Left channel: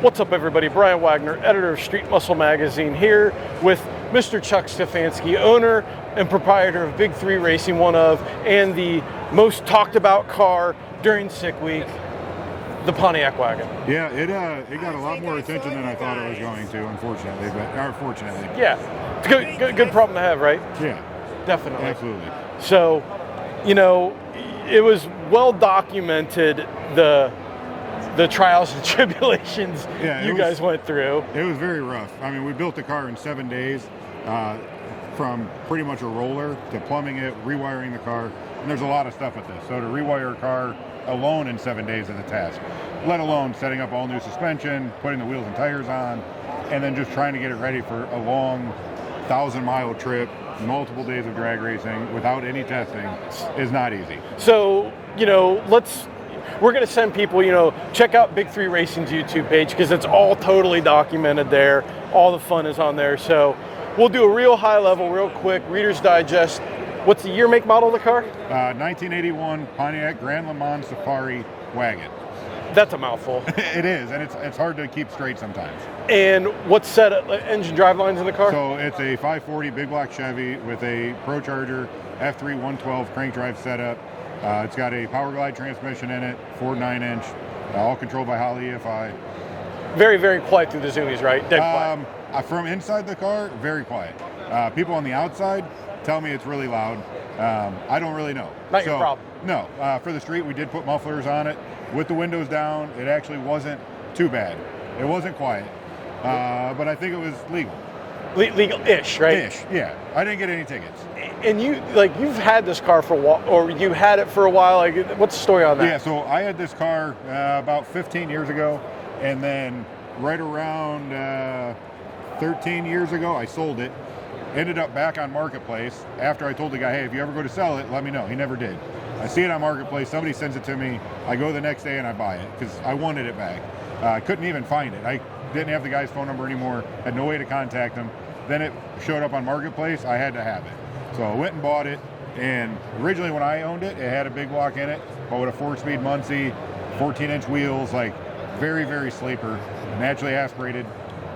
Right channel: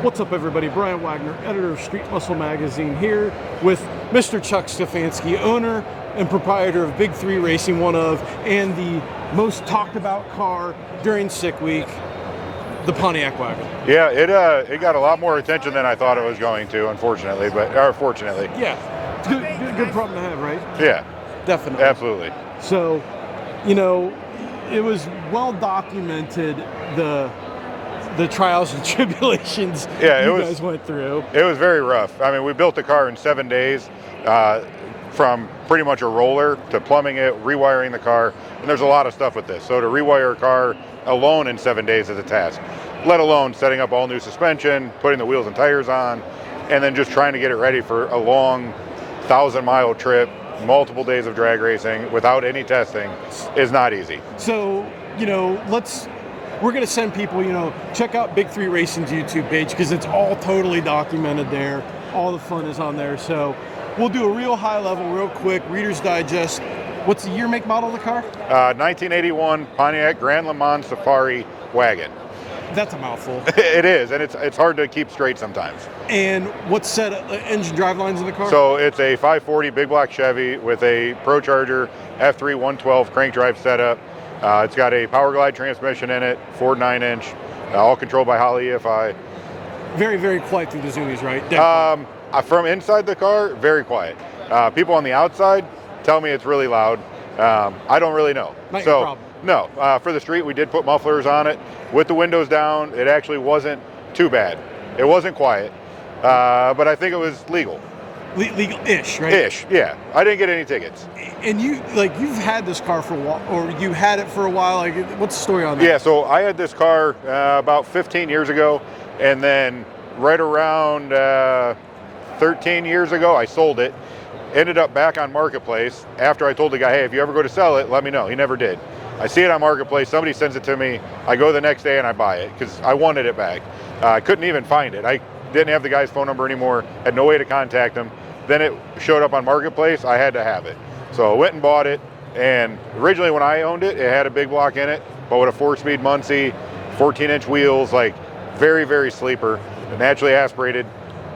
What's up, everybody? Brian Wagner, editor of Street Muscle Magazine, here with Mr. Chuck Stefanski, owner and proprietor of Big 3 Racing, one of, and the most talked about car during Sick Week, the Pontiac wagon. Yeah, it got a lot more attention than I thought it was going to, unfortunately, or fortunately. Yeah, it's a good problem to have, right? Yeah, definitely. Absolutely. So, you know, it was well documented, the trials and tribulations you guys went through. It was very rough. I mean, we built the car in 7 days, from pretty much a roller to plumbing it, rewiring the car, and there's a lot of stuff with this. So to rewire a car alone in 7 days is a task, let alone setting up all new suspension, putting the wheels and tires on, and then just trying to get it ready for a long 1,000-mile trip, multiple days of drag racing without any testing is not easy. So, you know, we're going to send people, check out Big 3 Racing's YouTube page because it's all totally documented there. All the fun is on there. So we'll do a real high level, real quick, Reader's Digest. What's the year, make, model of the car? 1981 Pontiac Grand Le Mans Safari wagon. That's a mouthful. It is, and it's hard to keep straight sometimes. And what's set up, engine drive lines in the car? So it's a 540 big block Chevy with a procharger F3 112 crank drive setup. It's got a Power Glide transmission in it, Ford 9-inch, all controlled by Holley EFI. Very, very quiet through the zoomies, right? From inside the car, very quiet. People on the outside tell me it's really loud. I don't really know. Not your problem. No, for the street, we did put mufflers on it. With the windows down, it actually wasn't too bad. It wasn't quiet, but I think it was legal. Legal-ish, right? Ish, yeah. I didn't get any tickets. And you've had this car for a while, or you had it for a while. What's the story on that? Yeah, so I had this car about 15 years ago, and then right around 13 years ago, I sold it. Ended up back on Marketplace after I told the guy, hey, if you ever go to sell it, let me know. He never did. I see it on Marketplace, somebody sends it to me, I go the next day and I buy it because I wanted it back. I couldn't even find it. I didn't have the guy's phone number anymore, had no way to contact him. Then it showed up on Marketplace, I had to have it. So I went and bought it, and originally when I owned it, it had a big block in it, but with a 4-speed Muncie, 14-inch wheels, like very, very sleeper, naturally aspirated.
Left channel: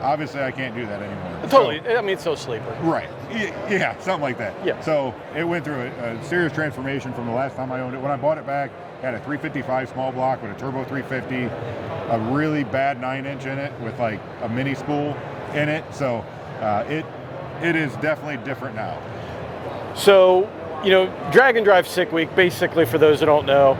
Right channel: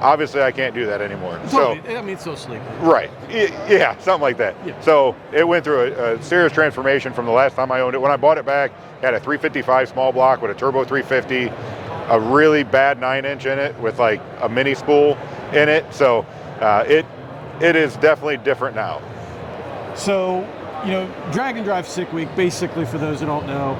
Obviously, I can't do that anymore. Totally. I mean, it's so sleeper. Right. Yeah, something like that. Yeah. So it went through a serious transformation from the last time I owned it. When I bought it back, it had a 355 small block with a turbo 350, a really bad 9-inch in it with like a mini spool in it. So it is definitely different now. So, Drag and Drive Sick Week, basically, for those that don't know,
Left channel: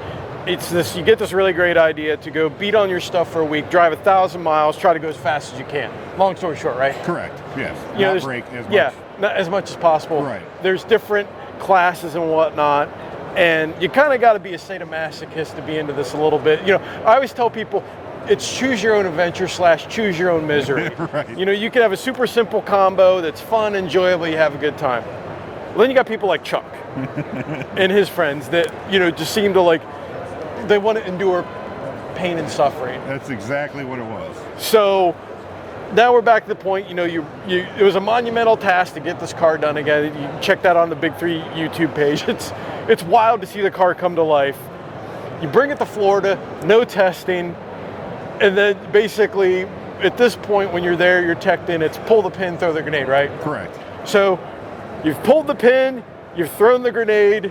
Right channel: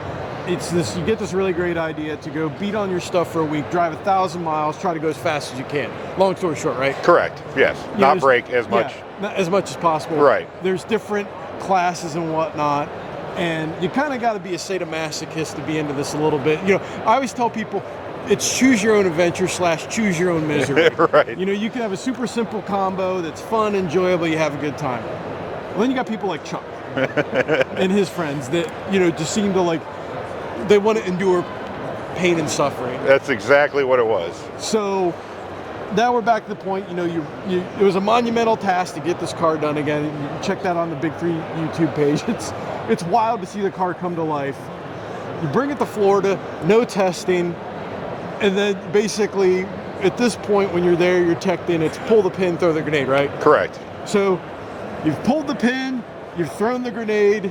it's this, you get this really great idea to go beat on your stuff for a week, drive 1,000 miles, try to go as fast as you can. Long story short, right? Correct, yes. Not break as much. Yeah, not as much as possible. Right. There's different classes and whatnot, and you kind of got to be a sadomasochist to be into this a little bit. I always tell people, it's choose your own adventure / choose your own misery. Right. You can have a super simple combo that's fun, enjoyable, you have a good time. Well, then you got people like Chuck and his friends that, just seem to they want to endure pain and suffering. That's exactly what it was. So now we're back to the point, it was a monumental task to get this car done again. You check that on the Big 3 YouTube page. It's wild to see the car come to life. You bring it to Florida, no testing, and then basically at this point when you're there, you're teched in, it's pull the pin, throw the grenade, right? Correct. So you've pulled the pin, you've thrown the grenade,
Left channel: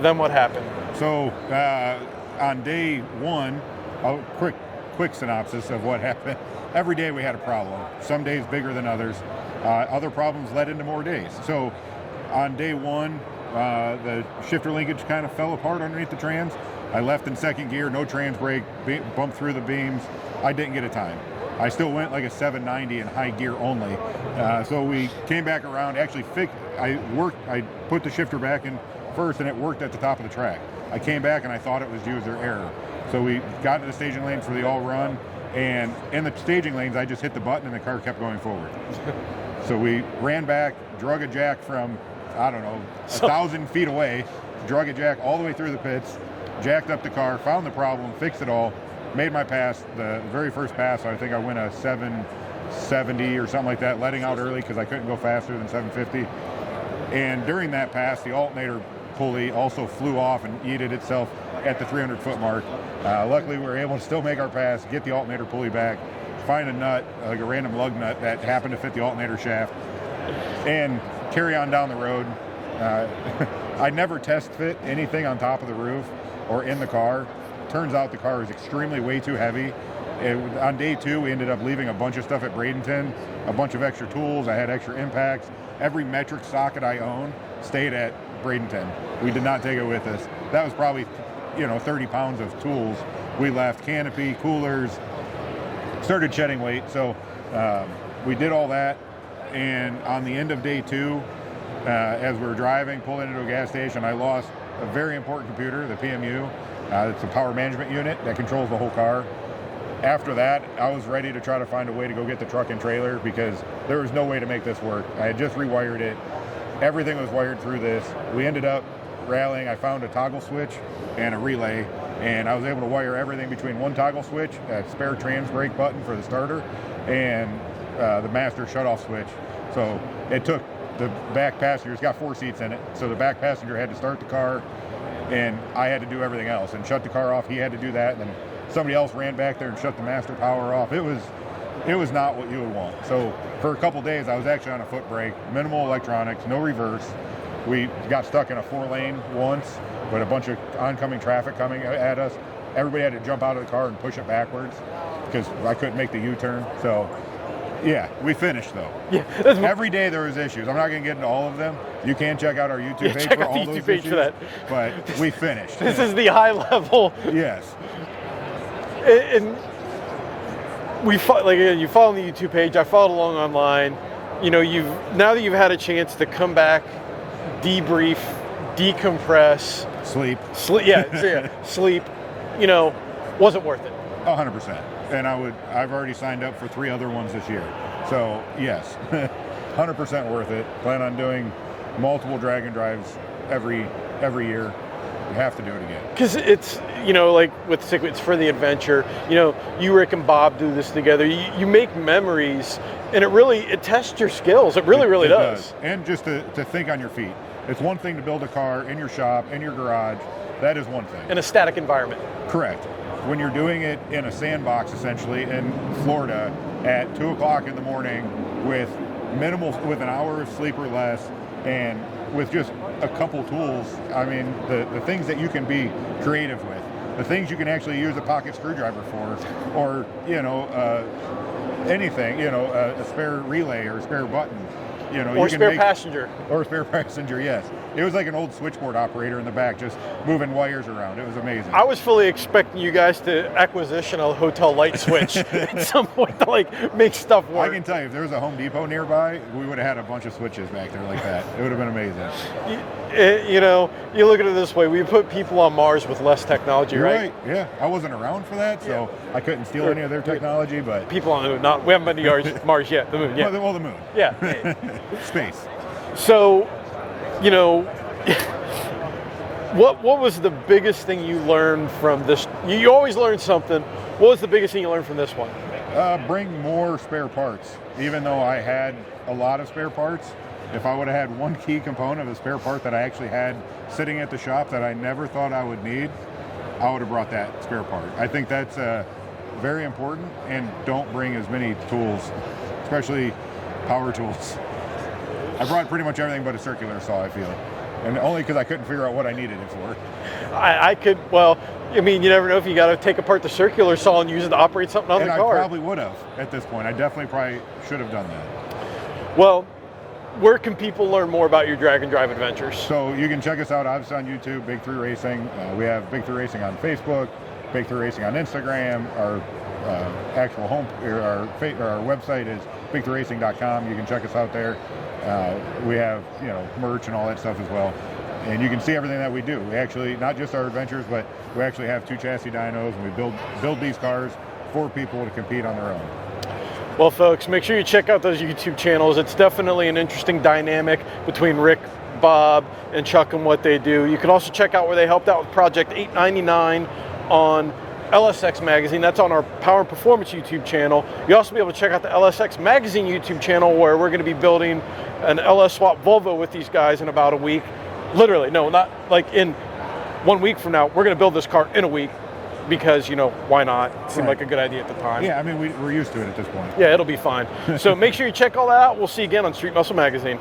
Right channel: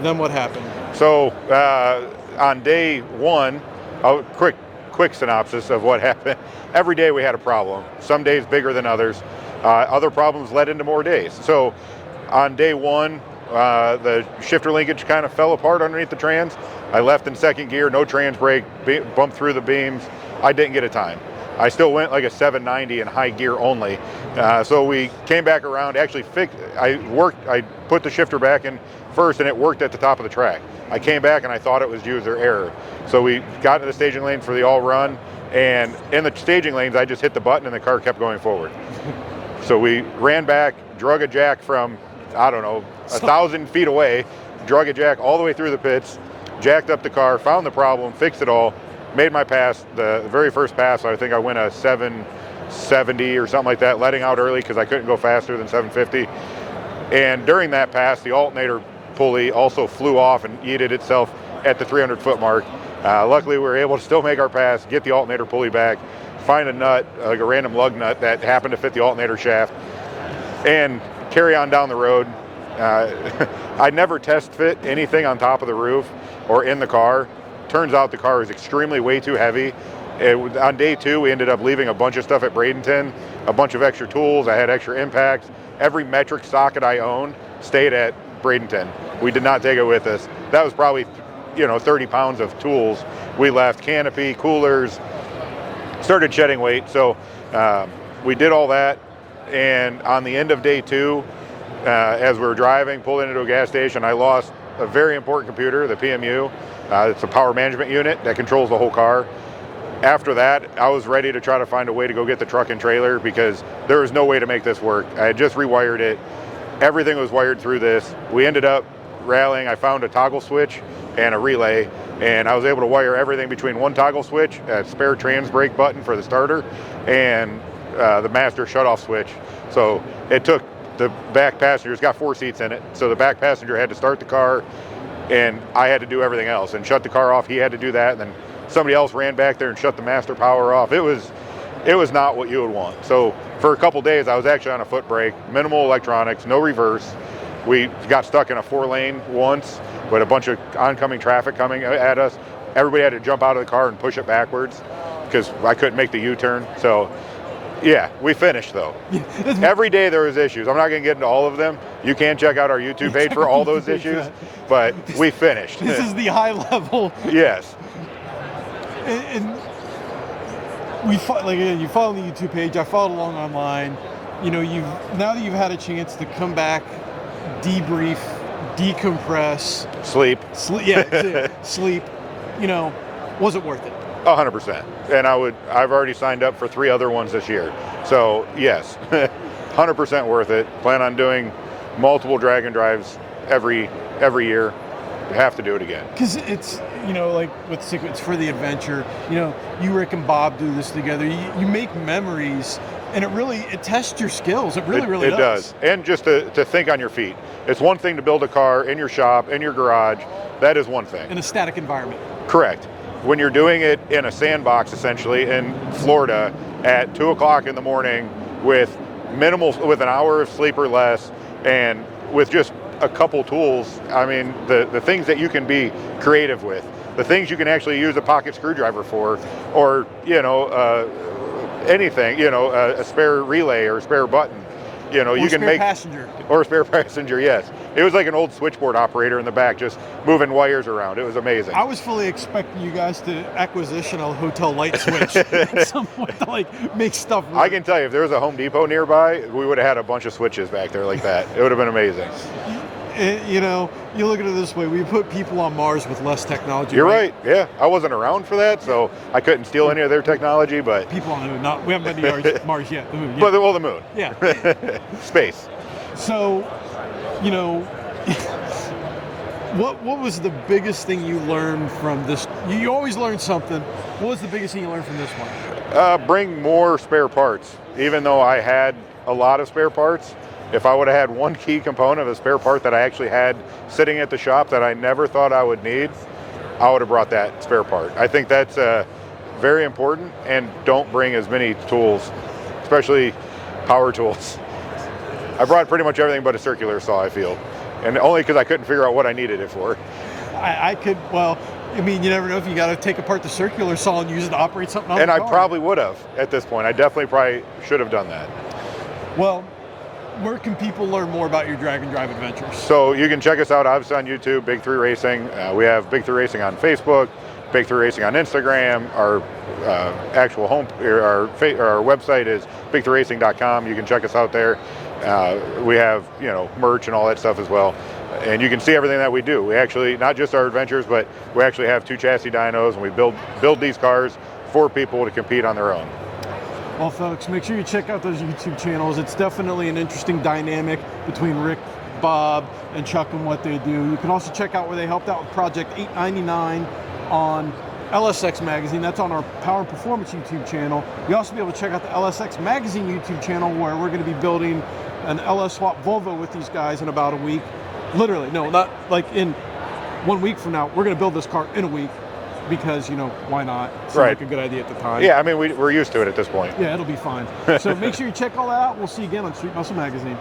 then what happened? So on day one, a quick synopsis of what happened. Every day we had a problem. Some days bigger than others. Other problems led into more days. So on day one, the shifter linkage kind of fell apart underneath the trans. I left in second gear, no trans brake, bumped through the beams. I didn't get a time. I still went like a 790 in high gear only. So we came back around, actually I put the shifter back in first and it worked at the top of the track. I came back and I thought it was user error. So we got into the staging lane for the all run, and in the staging lanes, I just hit the button and the car kept going forward. So we ran back, drug a jack from, 1,000 feet away, drug a jack all the way through the pits, jacked up the car, found the problem, fixed it all, made my pass. The very first pass, I think I went a 770 or something like that, letting out early because I couldn't go faster than 750. And during that pass, the alternator pulley also flew off and yeeted itself at the 300-foot mark. Luckily, we were able to still make our pass, get the alternator pulley back, find a nut, like a random lug nut that happened to fit the alternator shaft, and carry on down the road. I never test fit anything on top of the roof or in the car. Turns out the car is extremely way too heavy. On day 2, we ended up leaving a bunch of stuff at Bradenton, a bunch of extra tools. I had extra impacts. Every metric socket I own stayed at Bradenton. We did not take it with us. That was probably, 30 pounds of tools. We left canopy, coolers, started shedding weight. So we did all that. And on the end of day 2, as we were driving, pulled into a gas station, I lost a very important computer, the PMU. It's a power management unit that controls the whole car. After that, I was ready to try to find a way to go get the truck and trailer because there was no way to make this work. I had just rewired it. Everything was wired through this. We ended up rallying. I found a toggle switch and a relay, and I was able to wire everything between one toggle switch, a spare trans brake button for the starter, and the master shutoff switch. So it took the back passenger, it's got 4 seats in it, so the back passenger had to start the car, and I had to do everything else and shut the car off. He had to do that, and then somebody else ran back there and shut the master power off. It was not what you would want. So for a couple days, I was actually on a foot brake, minimal electronics, no reverse. We got stuck in a 4-lane once with a bunch of oncoming traffic coming at us. Everybody had to jump out of the car and push it backwards because I couldn't make the U-turn. So yeah, we finished though. Yeah. Every day there was issues. I'm not going to get into all of them. You can check out our YouTube page for all those issues, but we finished. This is the high level. Yes. And you follow the YouTube page. I followed along online. Now that you've had a chance to come back, debrief, decompress, sleep. Sleep. Wasn't worth it. 100%. And I've already signed up for 3 other ones this year. So yes, 100% worth it. Plan on doing multiple drag and drives every year. You have to do it again. Because it's, like with Sick, it's for the adventure. You, Rick, and Bob do this together. You make memories, and it tests your skills. It really does. And just to think on your feet. It's one thing to build a car in your shop, in your garage. That is one thing. In a static environment. Correct. When you're doing it in a sandbox, essentially, in Florida at 2 o'clock in the morning with an hour of sleep or less, and with just a couple tools, I mean, the things that you can be creative with, the things you can actually use a pocket screwdriver for, or, anything, a spare relay or a spare button. You can make passenger. Or a spare passenger, yes. It was like an old switchboard operator in the back, just moving wires around. It was amazing. I was fully expecting you guys to acquisition a hotel light switch at some point to make stuff work. I can tell you, if there was a Home Depot nearby, we would have had a bunch of switches back there like that. It would have been amazing. You look at it this way: we put people on Mars with less technology. You're right. Yeah, I wasn't around for that, so I couldn't steal any of their technology. But people on the moon, we haven't been to Mars yet. The moon, yeah. Well, the moon. Yeah. Space. So, what was the biggest thing you learned from this? You always learn something. What was the biggest thing you learned from this one? Bring more spare parts. Even though I had a lot of spare parts, if I would have had one key component of a spare part that I actually had sitting at the shop that I never thought I would need, I would have brought that spare part. I think that's very important, and don't bring as many tools, especially power tools. I brought pretty much everything but a circular saw, I feel, and only because I couldn't figure out what I needed it for. You never know if you got to take apart the circular saw and use it to operate something on the car. And I probably would have at this point. I definitely probably should have done that. Well, where can people learn more about your drag and drive adventures? So you can check us out obviously on YouTube, Big 3 Racing. We have Big 3 Racing on Facebook, Big 3 Racing on Instagram. Our actual our website is big3racing.com. You can check us out there. We have merch and all that stuff as well. And you can see everything that we do. We actually, not just our adventures, but we actually have 2 chassis dynos, and we build these cars for people to compete on their own. Well, folks, make sure you check out those YouTube channels. It's definitely an interesting dynamic between Rick, Bob, and Chuck and what they do. You can also check out where they helped out with Project 899 on LSX Magazine. That's on our Power and Performance YouTube channel. You'll also be able to check out the LSX Magazine YouTube channel, where we're going to be building an LS Swap Volvo with these guys in about a week. Literally, no, not like in 1 week from now. We're going to build this car in a week. because, why not? It seemed Right. like a good idea at the time. Yeah, I mean, we're used to it at this point. Yeah, it'll be fine. So make sure you check all that out. We'll see you again on Street Muscle Magazine.